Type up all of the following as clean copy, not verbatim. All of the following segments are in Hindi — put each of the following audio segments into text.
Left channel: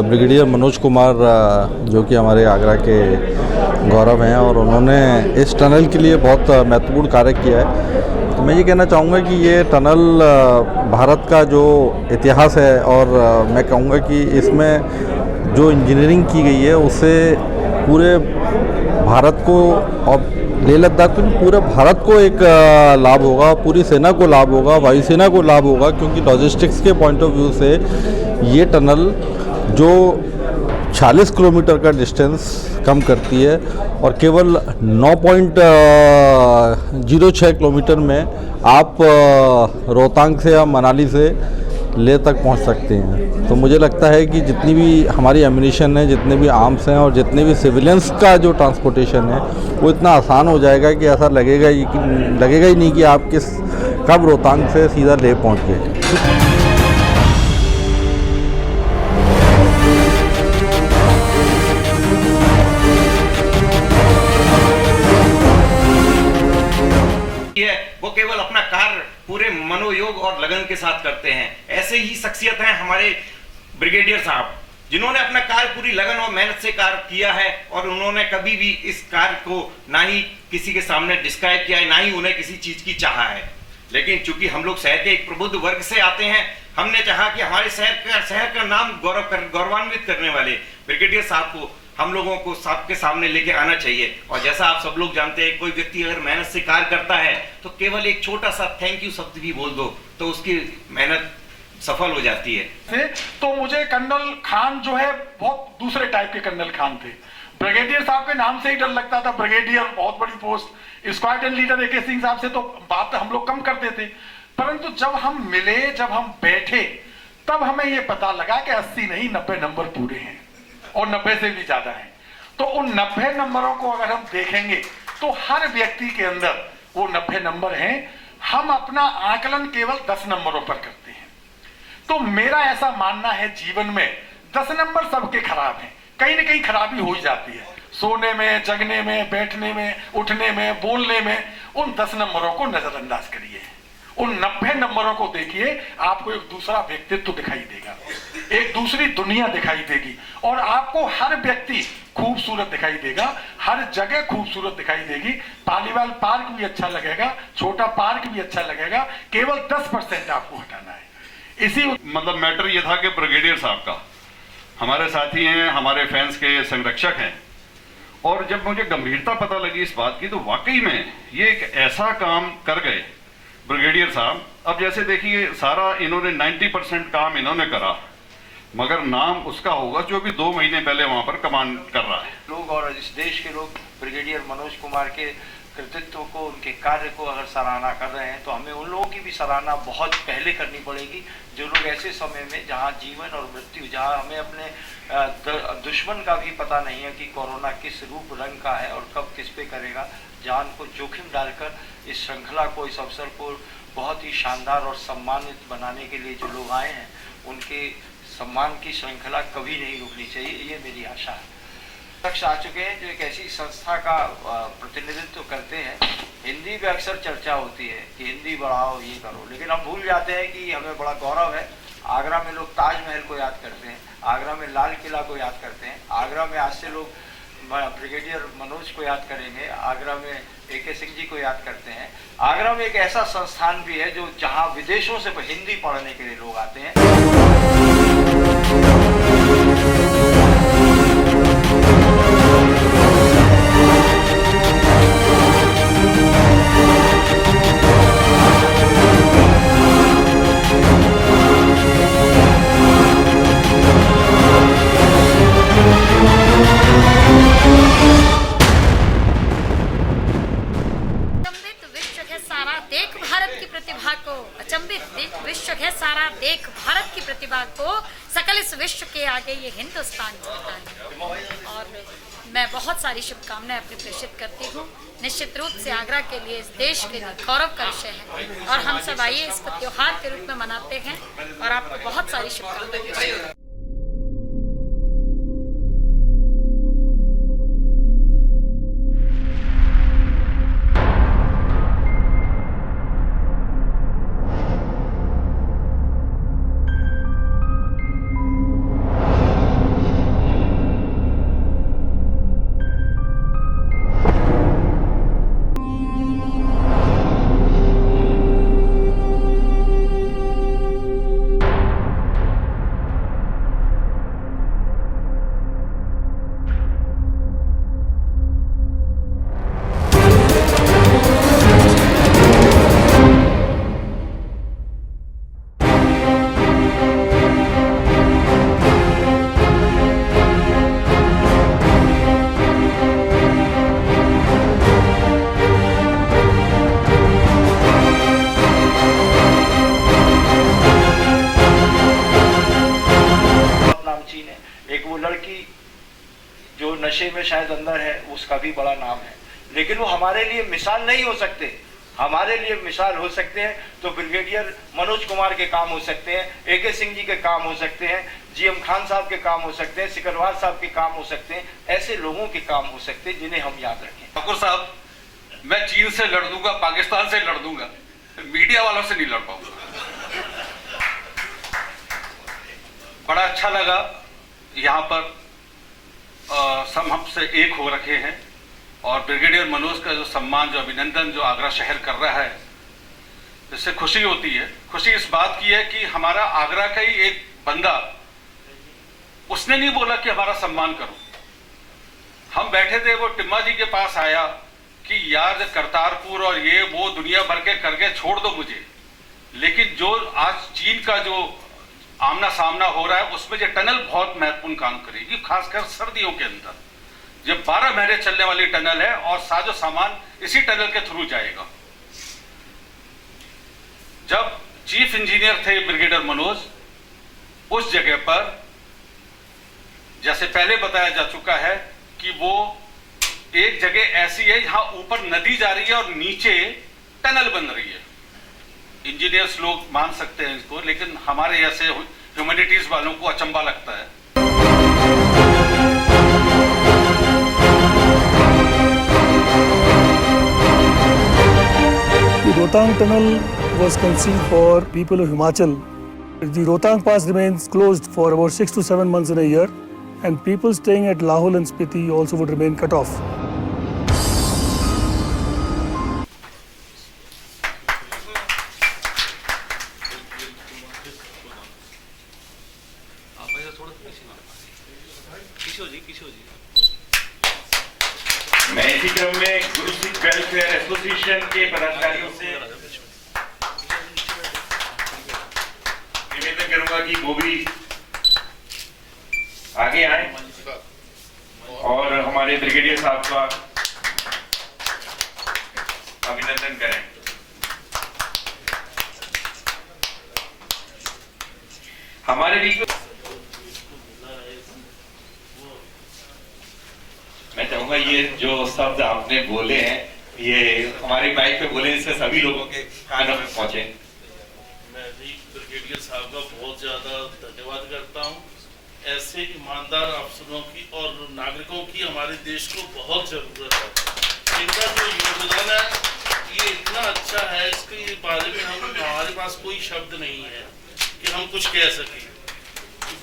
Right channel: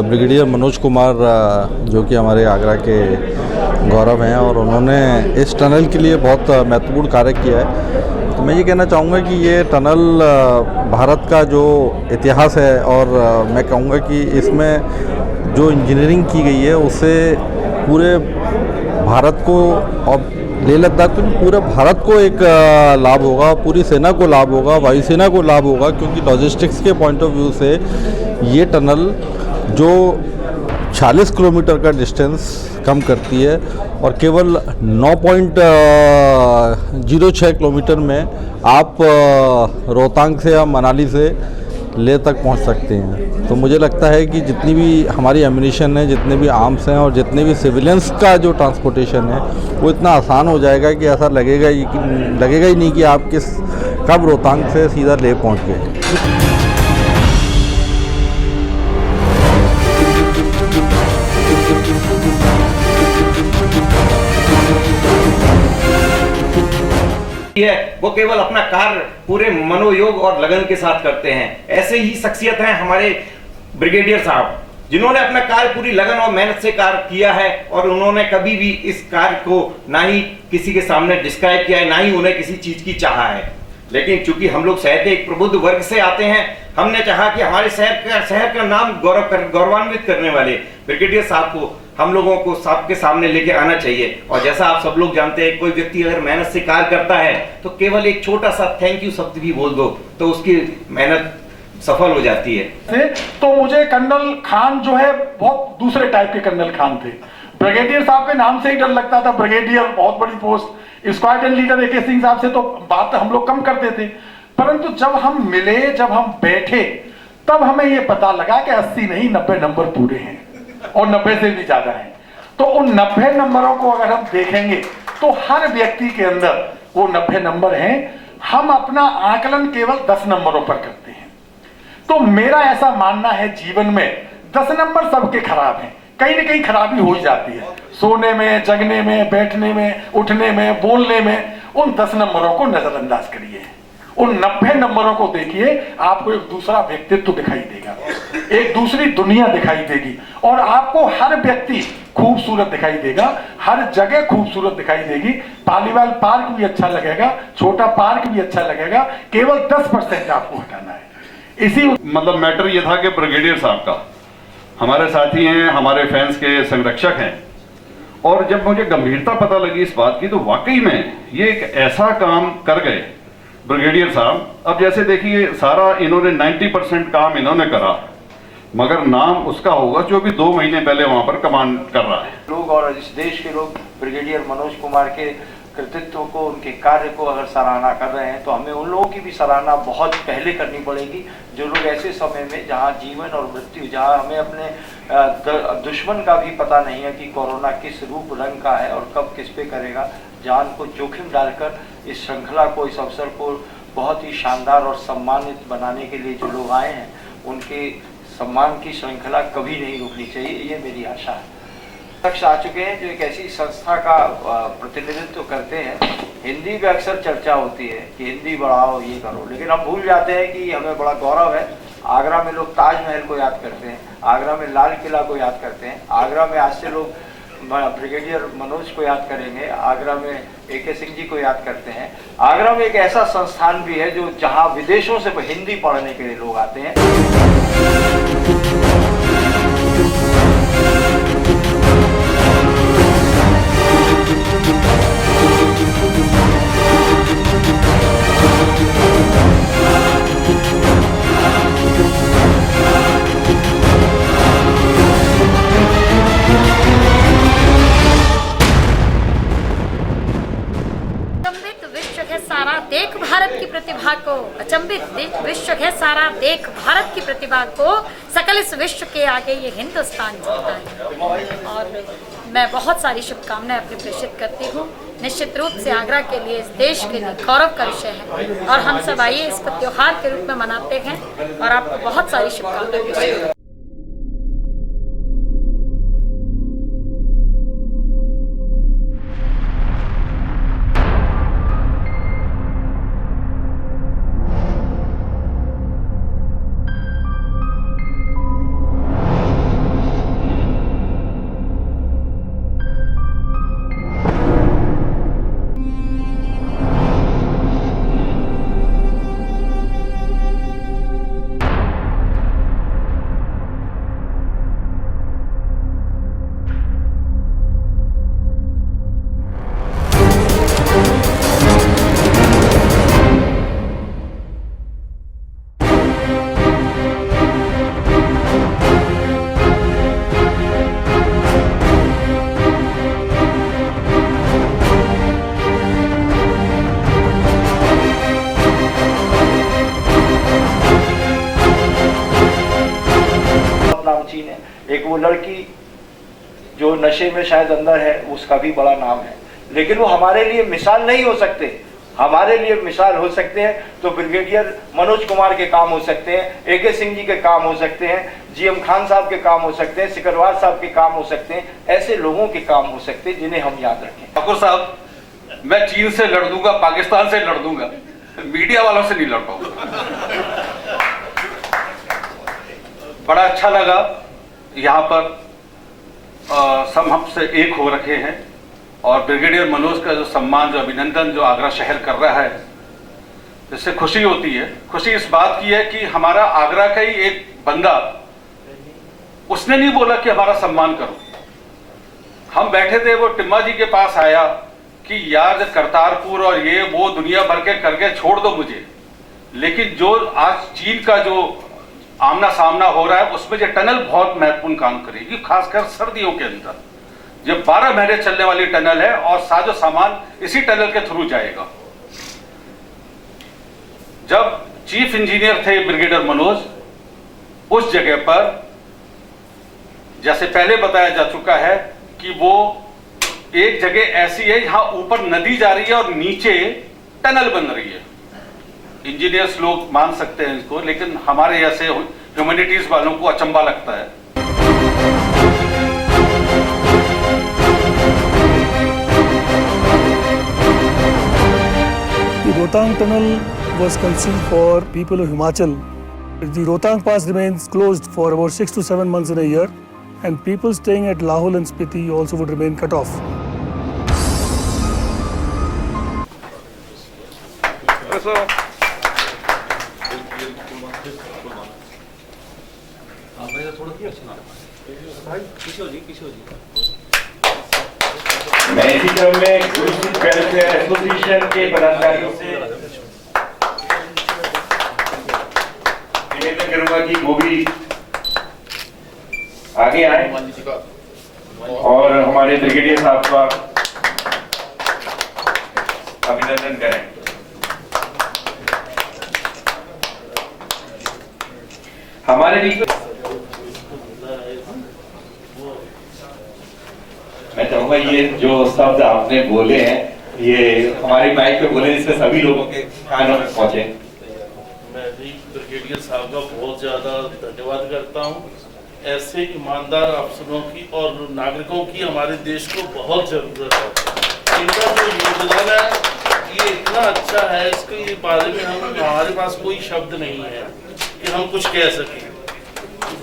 ब्रिगेडियर मनोज कुमार जो कि हमारे आगरा के गौरव हैं और उन्होंने इस टनल के लिए बहुत महत्वपूर्ण कार्य किया है। तो मैं ये कहना चाहूँगा कि ये टनल भारत का जो इतिहास है और मैं कहूँगा कि इसमें जो इंजीनियरिंग की गई है उससे पूरे भारत को और लेह लद्दाख को पूरे भारत को एक लाभ होगा, पूरी सेना को लाभ होगा, वायुसेना को लाभ होगा, क्योंकि लॉजिस्टिक्स के पॉइंट ऑफ व्यू से ये टनल जो 40 किलोमीटर का डिस्टेंस कम करती है और केवल 9.06 किलोमीटर में आप रोहतांग से या मनाली से लेह तक पहुंच सकते हैं। तो मुझे लगता है कि जितनी भी हमारी एम्यूनिशन है, जितने भी आर्म्स हैं और जितने भी सिविलियंस का जो ट्रांसपोर्टेशन है वो इतना आसान हो जाएगा कि ऐसा लगेगा ही नहीं कि आप कब रोहतांग से सीधा लेह पहुंच गए। वो केवल अपना कार्य पूरे मनोयोग और लगन के साथ करते हैं। ऐसे ही शख्सियत हैं हमारे ब्रिगेडियर साहब, जिन्होंने अपना कार्य पूरी लगन और मेहनत से कार्य किया है और उन्होंने कभी भी इस कार्य को ना ही किसी के सामने डिस्क्राइब किया है, ना ही उन्हें किसी चीज की चाहा है। लेकिन चूंकि हम लोग शहर के एक प्रबुद्ध वर्ग से आते हैं, हमने चाहा कि हमारे शहर का नाम गौरवान्वित करने वाले ब्रिगेडियर साहब को हम लोगों को सबके सामने लेके आना चाहिए। और जैसा आप सब लोग जानते हैं, कोई व्यक्ति अगर मेहनत से कार्य करता है तो केवल एक छोटा सा थैंक यू शब्द भी बोल दो तो उसकी मेहनत सफल हो जाती है। तो मुझे कर्नल खान जो है बहुत दूसरे टाइप के कर्नल खान थे। ब्रिगेडियर साहब के नाम से ही डर लगता था, ब्रिगेडियर बहुत बड़ी post. Squadron leader AK Singh साहब से तो बात हम लोग कम करते थे, परंतु जब हम मिले, जब हम बैठे, तब हमें यह पता लगा कि 80 नहीं 90 नंबर पूरे हैं और 90 से भी ज्यादा हैं। तो उन 90 नंबरों को अगर हम देखेंगे तो हर व्यक्ति के अंदर वो 90 नंबर हैं। हम अपना आकलन केवल 10 नंबरों पर करते हैं। तो मेरा ऐसा मानना है, जीवन में 10 नंबर सबके खराब हैं, कहीं ना कहीं खराबी हो ही जाती है, सोने में, जगने में, बैठने में, उठने में, बोलने में। उन 10 नंबरों को नजरअंदाज करिए, उन 90 नंबरों को देखिए, आपको एक दूसरा व्यक्तित्व दिखाई देगा, एक दूसरी दुनिया दिखाई देगी और आपको हर व्यक्ति खूबसूरत दिखाई देगा, हर जगह खूबसूरत दिखाई देगी। पालीवाल पार्क भी अच्छा लगेगा, छोटा पार्क भी अच्छा लगेगा, केवल 10% आपको हटाना है। इसी मतलब मैटर ये था कि ब्रिगेडियर साहब का हमारे साथी हैं, हमारे फैंस के संरक्षक हैं, और जब मुझे गंभीरता पता लगी इस बात की तो वाकई में ये एक ऐसा काम कर गए ब्रिगेडियर साहब। अब जैसे देखिए, सारा इन्होंने 90% काम इन्होंने करा, मगर नाम उसका होगा जो भी 2 महीने पहले वहां पर कमांड कर रहा है। लोग और इस देश के लोग ब्रिगेडियर मनोज कुमार के कृतित्व को, उनके कार्य को अगर सराहना कर रहे हैं तो हमें उन लोगों की भी सराहना बहुत पहले करनी पड़ेगी, जो लोग ऐसे समय में जहां जीवन और मृत्यु, जहां हमें अपने दुश्मन का भी पता नहीं है कि कोरोना किस रूप रंग का है और कब किस पे करेगा, जान को जोखिम डालकर इस श्रृंखला को, इस अवसर को बहुत ही शानदार और सम्मानित बनाने के लिए जो लोग आए हैं, उनके सम्मान की श्रृंखला कभी नहीं रुकनी चाहिए, ये मेरी आशा है। शख्स आ चुके हैं जो एक ऐसी संस्था का प्रतिनिधित्व करते हैं। हिंदी में अक्सर चर्चा होती है कि हिंदी बढ़ाओ, ये करो, लेकिन हम भूल जाते हैं कि हमें बड़ा गौरव है। आगरा में लोग ताजमहल को याद करते हैं, आगरा में लाल किला को याद करते हैं, आगरा में आज से लोग ब्रिगेडियर मनोज को याद करेंगे, आगरा में AK सिंह जी को याद करते हैं। आगरा में एक ऐसा संस्थान भी है जो जहां विदेशों से हिंदी पढ़ने के लिए लोग आते हैं। देख भारत की प्रतिभा को, अचंभित विश्व है सारा, देख भारत की प्रतिभा को, सकल इस विश्व के आगे ये हिंदुस्तान जीता है। और मैं बहुत सारी शुभकामनाएं अपनी प्रेषित करती हूँ। निश्चित रूप से आगरा के लिए, इस देश के लिए गौरव का विषय है और हम सब आइए इसको त्योहार के रूप में मनाते हैं और आपको बहुत सारी शुभकामनाएं। लड़की जो नशे में शायद अंदर है उसका भी बड़ा नाम है, लेकिन वो हमारे लिए मिसाल नहीं हो सकते। हमारे लिए मिसाल हो सकते हैं तो ब्रिगेडियर मनोज कुमार के काम हो सकते हैं, AK सिंह जी के काम हो सकते हैं, GM खान साहब के काम हो सकते हैं, सिकरवार साहब के काम हो सकते हैं। ऐसे लोगों के काम हो सकते हैं जिन्हें हम याद रखें। ठाकुर साहब, मैं चीन से लड़ दूंगा, पाकिस्तान से लड़ दूंगा, मीडिया वालों से नहीं लड़ पाऊंगा। बड़ा अच्छा लगा यहाँ पर सब हमसे एक हो रखे हैं और ब्रिगेडियर मनोज का जो सम्मान, जो अभिनंदन जो आगरा शहर कर रहा है, इससे खुशी होती है। खुशी इस बात की है कि हमारा आगरा का ही एक बंदा, उसने नहीं बोला कि हमारा सम्मान करो। हम बैठे थे, वो टिम्मा जी के पास आया कि यार करतारपुर और ये वो दुनिया भर के करके छोड़ दो मुझे, लेकिन जो आज चीन का जो आमना सामना हो रहा है उसमें जो टनल बहुत महत्वपूर्ण काम करेगी, खासकर सर्दियों के अंदर। ये 12 महीने चलने वाली टनल है और साजो सामान इसी टनल के थ्रू जाएगा। जब चीफ इंजीनियर थे ब्रिगेडियर मनोज, उस जगह पर जैसे पहले बताया जा चुका है कि वो एक जगह ऐसी है जहां ऊपर नदी जा रही है और नीचे टनल बन रही है। इंजीनियर्स लोग मान सकते हैं इसको, लेकिन हमारे जैसे ह्यूमैनिटीज वालों को अचंभा लगता है। The Rohtang tunnel was conceived for people of Himachal. The Rohtang Pass remains closed for about 6 to 7 months in a year, and people staying at Lahul and Spiti also would remain cut off. मैं इसी क्रम में गुरुसिख वेलफेयर एसोसिएशन के पदाधिकारियों से निवेदन करूंगा कि वो भी आगे आए और हमारे ब्रिगेडियर साहब का अभिनंदन करें। हमारे बीच मैं चाहूंगा ये जो शब्द आपने बोले हैं ये हमारी माइक पे बोले, जिससे सभी लोगों के कानों में पहुंचे। मैं भी ब्रिगेडियर साहब का बहुत ज्यादा धन्यवाद करता हूँ। ऐसे ईमानदार अफसरों की और नागरिकों की हमारे देश को बहुत जरूरत है। इनका जो योगदान है ये इतना अच्छा है, इसके बारे में हमारे पास कोई शब्द नहीं है कि हम कुछ कह सकें।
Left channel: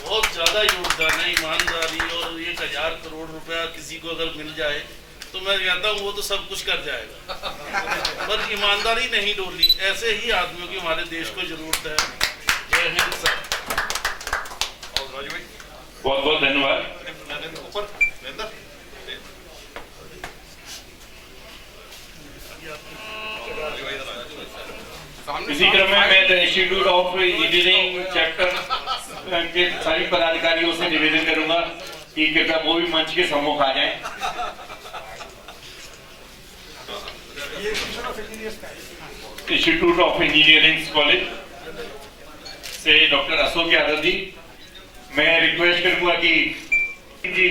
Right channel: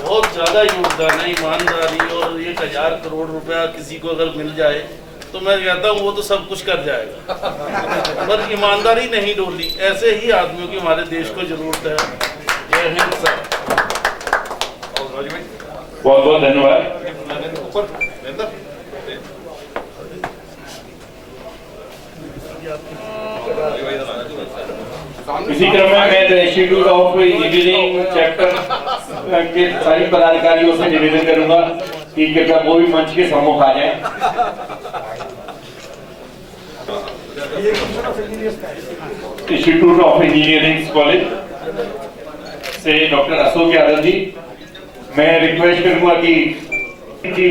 बहुत ज्यादा योगदान है, ईमानदारी, और 1000 करोड़ रुपया किसी को अगर मिल जाए तो मैं कहता हूँ वो तो सब कुछ कर जाएगा, पर ईमानदारी नहीं डोली। ऐसे ही आदमियों की हमारे देश को जरूरत है। जय हिंद सर। बहुत बहुत धन्यवाद। इसी क्रम में मैं इंस्टीट्यूट ऑफ इंजीनियरिंग चैप्टर के सभी पदाधिकारियों से निवेदन करूंगा कि कृपया वो भी मंच के सम्मुख आ जाएं। इंस्टीट्यूट ऑफ इंजीनियरिंग कॉलेज से डॉक्टर अशोक यादव जी, मैं रिक्वेस्ट करूंगा कि जी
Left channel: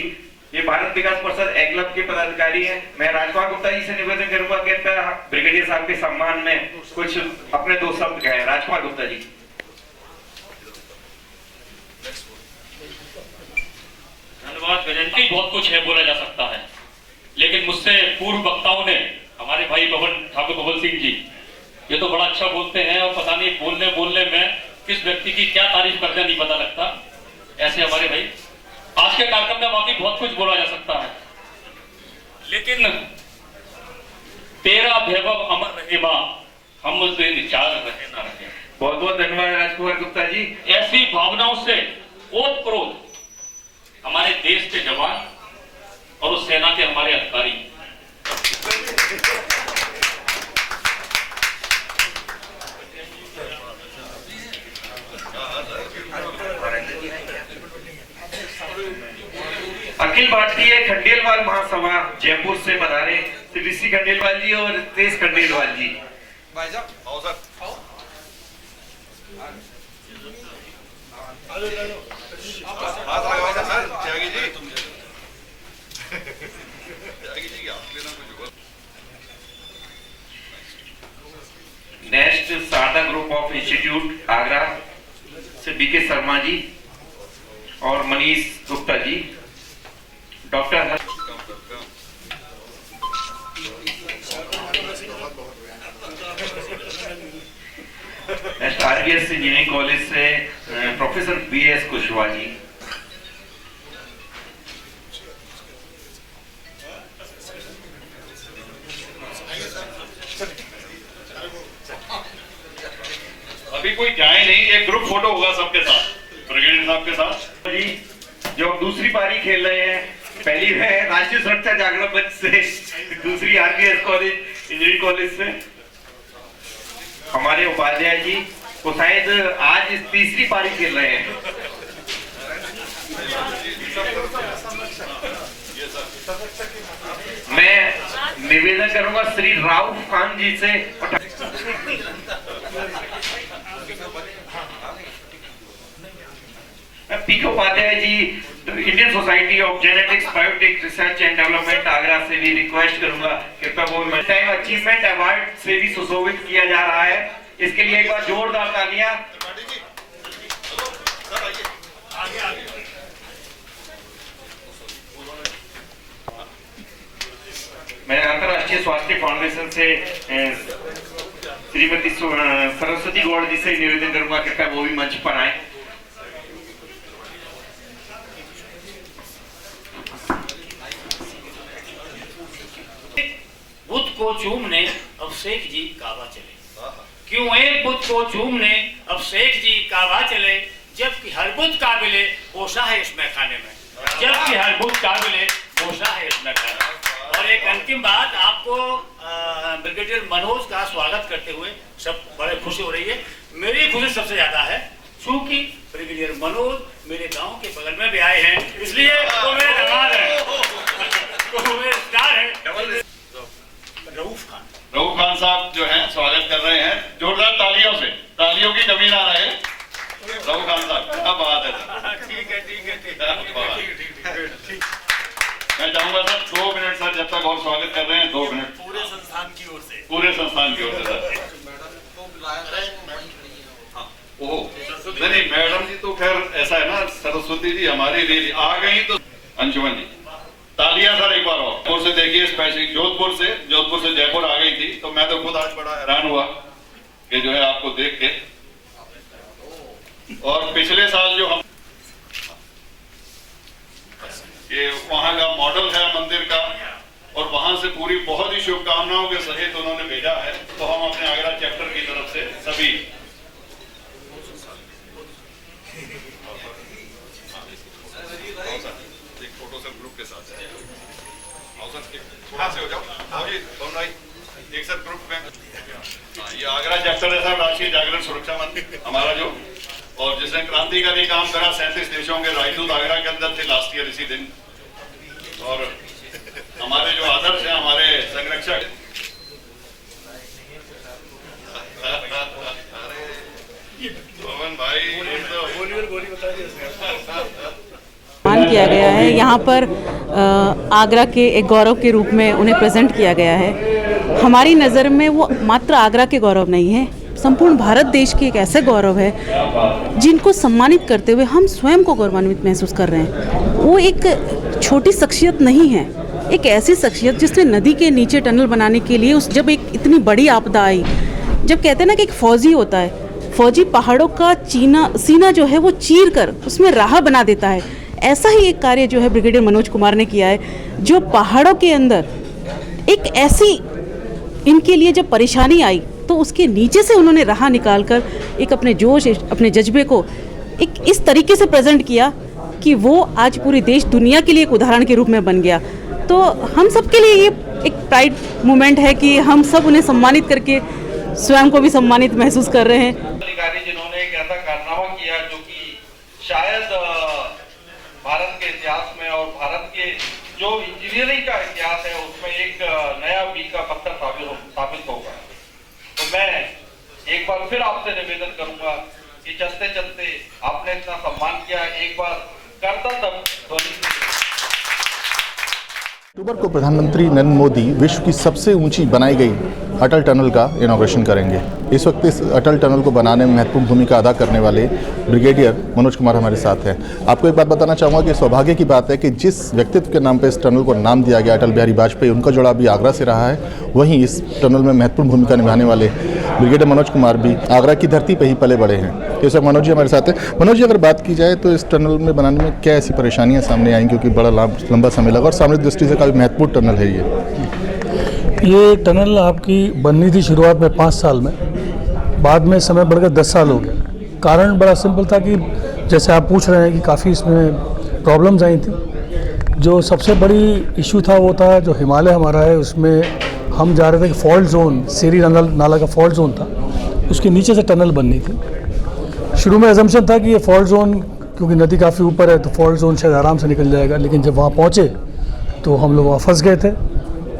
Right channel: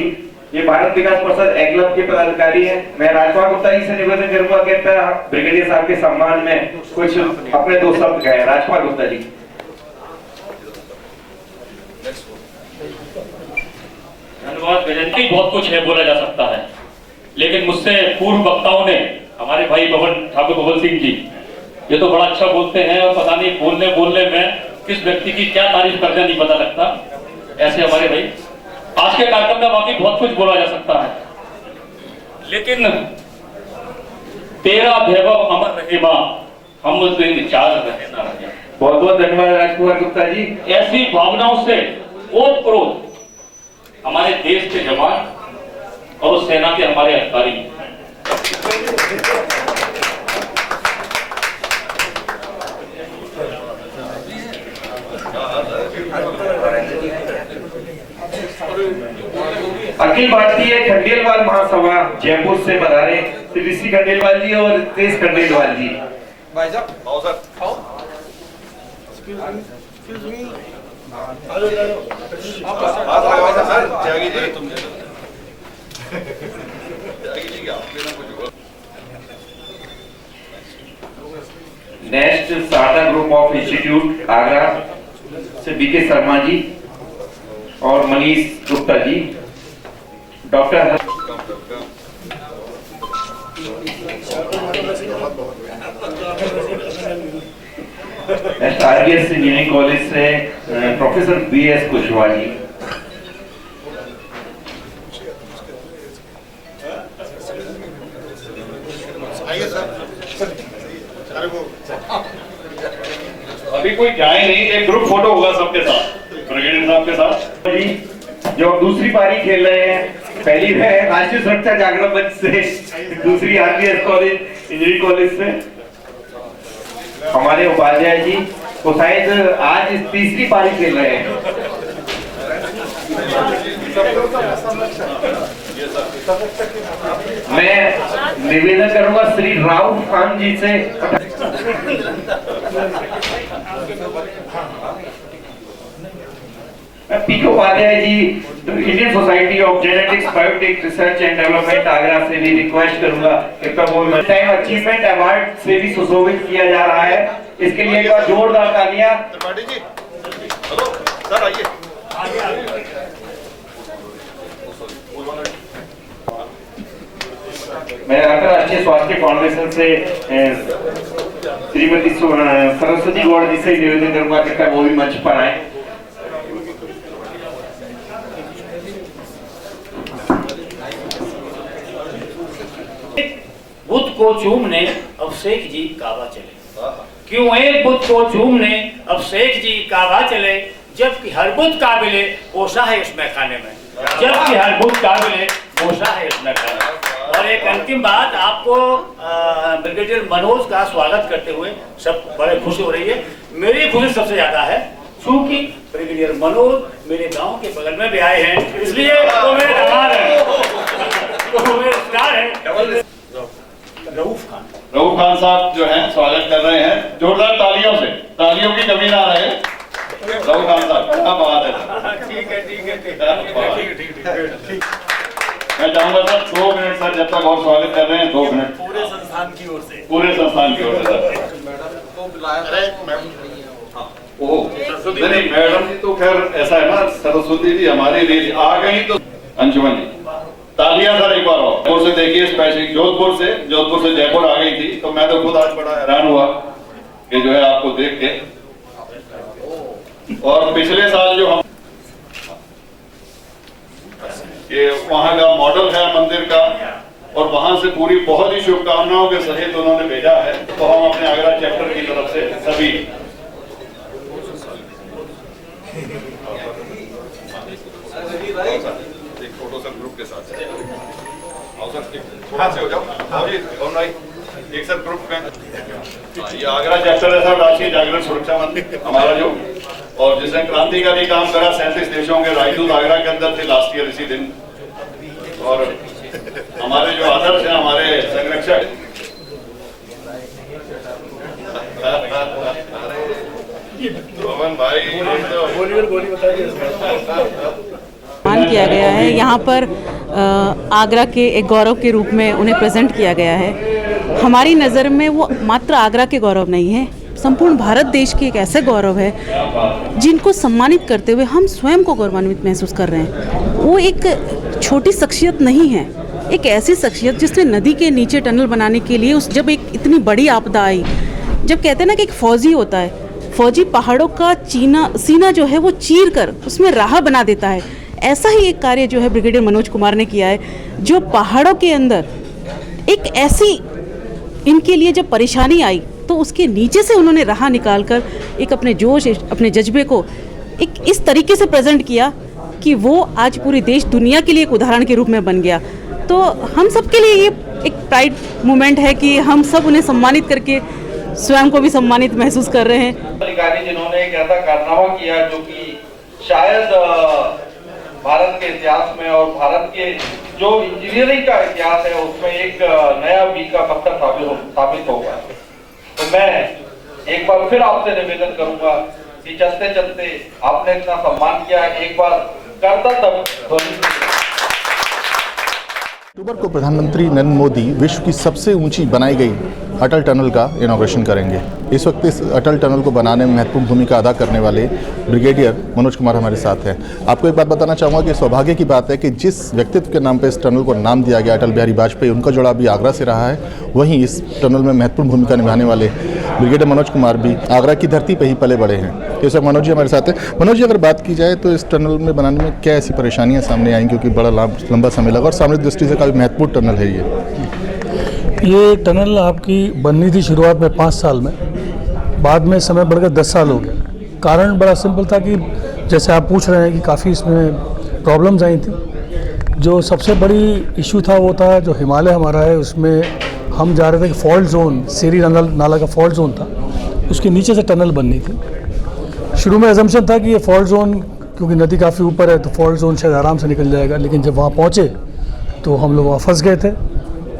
ये भारत विकास परिषद एग्लब के पदाधिकारी हैं। मैं राजकुमार गुप्ता जी से निवेदन करूंगा कि ब्रिगेडियर साहब के सम्मान में कुछ अपने 2 शब्द कहें। राजकुमार गुप्ता जी। धन्यवाद। बहुत कुछ है बोला जा सकता है, लेकिन मुझसे पूर्व वक्ताओं ने, हमारे भाई ठाकुर बबल सिंह जी, ये तो बड़ा अच्छा बोलते हैं और पता नहीं बोलने में किस व्यक्ति की क्या तारीफ करना नहीं पता लगता। ऐसे हमारे भाई, आज के कार्यक्रम में वाकई बहुत कुछ बोला जा सकता है, लेकिन तेरा वैभव अमर रहे मां, हम उससे चार रहे ना रहे। बहुत बहुत धन्यवाद राजकुमार गुप्ता जी। ऐसी भावनाओं से ओत प्रोत हमारे देश के जवान और उस सेना के हमारे अधिकारी, अखिल भारतीय खंडेलवाल महासभा जयपुर से बता रहे श्री ऋषि खंडेलवाल जी और तेज खंडेलवाल जी। भाई साहब next Sarda group of institute Agra से बीके शर्मा जी और Manish Gupta ji, doctor next RBS engineering college से प्रोफेसर बीएस कुशवाहा जी, अभी कोई जाए नहीं, एक ग्रुप फोटो होगा सबके साथ, ब्रिगेडियर साहब के साथ जी जो दूसरी पारी खेल रहे हैं। पहली है राष्ट्रीय सुरक्षा जागरण मंच से, दूसरी आरबीएस कॉलेज इंजीनियरिंग कॉलेज से हमारे उपाध्याय जी, वो शायद आज तीसरी पारी खेल रहे हैं। मैं निवेदन करूंगा श्री राउफ खान जी से, PK Upadhyay ji Indian society of genetics biotech research and development Agra से भी रिक्वेस्ट करूंगा कृपया वो टाइम अचीवमेंट अवार्ड से भी सुशोभित किया जा रहा है। इसके लिए एक बार जोरदार तालियां। सर आइए। मैं अंतरराष्ट्रीय स्वास्थ्य फाउंडेशन से श्रीमती सरस्वती गौड़ जी से निवेदन करूंगा कृपया वो भी मंच पर आए। बुद्ध को चूमने अब शेख जी काबा चले, क्यों एक बुद्ध को चूमने अब शेख जी काबा चले, जबकि हर बुद्ध काबिले पोषा है इस मैखाने में, जबकि हर बुद्ध काबिले पोषा है इस मैखाने में। और एक अंतिम बात, आपको ब्रिगेडियर मनोज का स्वागत करते हुए सब बड़े खुशी हो रही है। मेरी खुशी सबसे ज्यादा है क्योंकि ब्रिगेडियर मनोज मेरे गांव के बगल में भी आए हैं, इसलिए वो मेरे कमाल है, वो मेरे स्टार है। रऊफ खान साहब जो हैं स्वागत कर रहे हैं जोरदार तालियों से, तालियों की कमी ना रहे। रऊफ खान साहब क्या बात है। ठीक है। मैं चाहूंगा सर 2 मिनट सर, जब तक और स्वागत कर रहे हैं 2 मिनट पूरे संस्थान की ओर से सर। नहीं मैडम जी तो खैर ऐसा है ना, सरस्वती जी हमारे लिए आ गई तो अंशुमन जी तालियां सर एक बार और से देखिए। स्पेशल जोधपुर से जयपुर आ गई थी, तो मैं तो खुद आज बड़ा हैरान हुआ कि जो है आपको देख के। और पिछले साल जो हम ये वहां का मॉडल है मंदिर का, और वहां से पूरी बहुत ही शुभकामनाओं के सहित उन्होंने भेजा है, तो हम अपने आगरा चैप्टर की तरफ से सभी फोटो सब ग्रुप के साथ थोड़ा से हो जाओ एक सब ग्रुप में। ये आगरा चैप्टर है सर, राष्ट्रीय जागरण सुरक्षा मंच हमारा जो, और जिसने क्रांतिकारी काम करा 37 देशों के राजदूत आगरा के अंदर थे लास्ट ईयर इसी दिन। और हमारे जो आदर्श हैं, हमारे संरक्षक भाई सम्मान किया गया है। यहाँ पर आगरा के एक गौरव के रूप में उन्हें प्रेजेंट किया गया है। हमारी नज़र में वो मात्र आगरा के गौरव नहीं है, संपूर्ण भारत देश के एक ऐसे गौरव है जिनको सम्मानित करते हुए हम स्वयं को गौरवान्वित महसूस कर रहे हैं। वो एक छोटी शख्सियत नहीं है, एक ऐसी शख्सियत जिसने नदी के नीचे टनल बनाने के लिए जब एक इतनी बड़ी आपदा आई, जब कहते हैं ना कि एक फौजी होता है, फौजी पहाड़ों का सीना जो है वो चीर कर उसमें राह बना देता है, ऐसा ही एक कार्य जो है ब्रिगेडियर मनोज कुमार ने किया है, जो पहाड़ों के अंदर एक ऐसी इनके लिए जब परेशानी आई तो उसके नीचे से उन्होंने राह निकालकर एक अपने जोश, अपने जज्बे को एक इस तरीके से प्रेजेंट किया कि वो आज पूरी देश दुनिया के लिए एक उदाहरण के रूप में बन गया। तो हम सब के लिए ये एक प्राइड मोमेंट है कि हम सब उन्हें सम्मानित करके स्वयं को भी सम्मानित महसूस कर रहे हैं। अधिकारी जिन्होंने एक ऐसा कारनामा किया जो कि शायद भारत के इतिहास में और भारत के जो इंजीनियरिंग का इतिहास है उसमें एक नया मील का पत्थर साबित होगा। तो मैं एक बार फिर आपसे निवेदन करूंगा कि चलते चलते आपने इतना सम्मान किया, एक बार करता तब। अक्टूबर को प्रधानमंत्री नरेंद्र मोदी विश्व की सबसे ऊंची बनाई गई अटल टनल का इनॉग्रेशन करेंगे। इस वक्त इस अटल टनल को बनाने में महत्वपूर्ण भूमिका अदा करने वाले ब्रिगेडियर मनोज कुमार हमारे साथ हैं। आपको एक बात बताना चाहूँगा कि सौभाग्य की बात है कि जिस व्यक्तित्व के नाम पर इस टनल को नाम दिया गया अटल बिहारी वाजपेयी, उनका जुड़ाव भी आगरा से रहा है। वहीं इस टनल में महत्वपूर्ण भूमिका निभाने वाले ब्रिगेडियर मनोज कुमार भी आगरा की धरती पर ही पले बड़े हैं। इस वक्त मनोज जी हमारे साथ हैं। मनोज जी, अगर बात की जाए तो इस टनल में बनाने में क्या ऐसी परेशानियाँ सामने आई, क्योंकि बड़ा लंबा समय लगा और सामरिक दृष्टि से काफ़ी महत्वपूर्ण टनल है ये टनल आपकी बननी थी शुरुआत में 5 साल में, बाद में समय बढ़कर 10 साल हो गया। कारण बड़ा सिंपल था कि जैसे आप पूछ रहे हैं कि काफ़ी इसमें प्रॉब्लम्स आई थी। जो सबसे बड़ी इशू था वो था जो हिमालय हमारा है, उसमें हम जा रहे थे कि फॉल्ट जोन, सेरी नाला का फॉल्ट जोन था, उसके नीचे से टनल बननी थी। शुरू में अजम्पशन था कि ये फॉल्ट जोन, क्योंकि नदी काफ़ी ऊपर है तो फॉल्ट जोन शायद आराम से निकल जाएगा, लेकिन जब वहाँ पहुँचे तो हम लोग वहाँ फंस गए थे।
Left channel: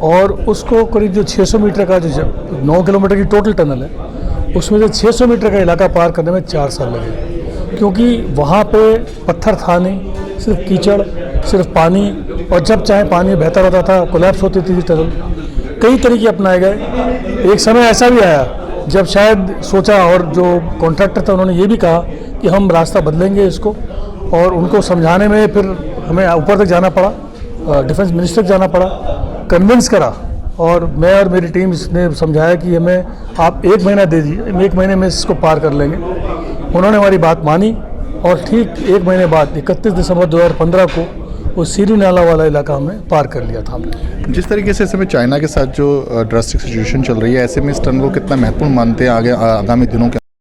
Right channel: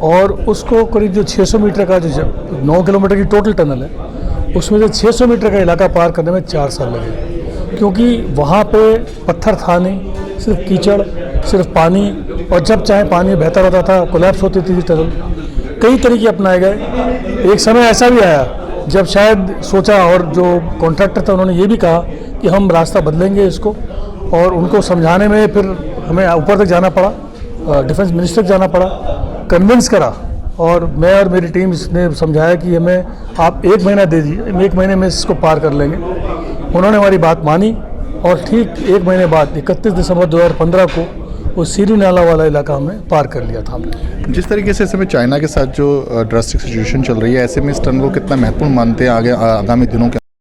और उसको करीब जो 600 मीटर का जो 9 किलोमीटर की टोटल टनल है, उसमें जो 600 मीटर का इलाका पार करने में 4 साल लगे, क्योंकि वहाँ पे पत्थर था नहीं, सिर्फ कीचड़, सिर्फ पानी, और जब चाहे पानी बहता रहता था, कोलैप्स होती थी टनल। कई तरीके अपनाए गए। एक समय ऐसा भी आया जब शायद सोचा, और जो कॉन्ट्रैक्टर था उन्होंने ये भी कहा कि हम रास्ता बदलेंगे इसको, और उनको समझाने में फिर हमें ऊपर तक जाना पड़ा, डिफेंस मिनिस्टर तक जाना पड़ा, कन्विंस करा, और मैं और मेरी टीम ने समझाया कि हमें आप 1 महीना दे दीजिए, 1 महीने में इसको पार कर लेंगे। उन्होंने हमारी बात मानी, और ठीक 1 महीने बाद 31 दिसंबर 2015 को वो सीरी नाला वाला इलाका हमने पार कर लिया था हमने। जिस तरीके से इस समय चाइना के साथ जो ड्रास्टिक सिचुएशन चल रही है, ऐसे में इस टनल को कितना महत्वपूर्ण मानते हैं आगे आगामी दिनों के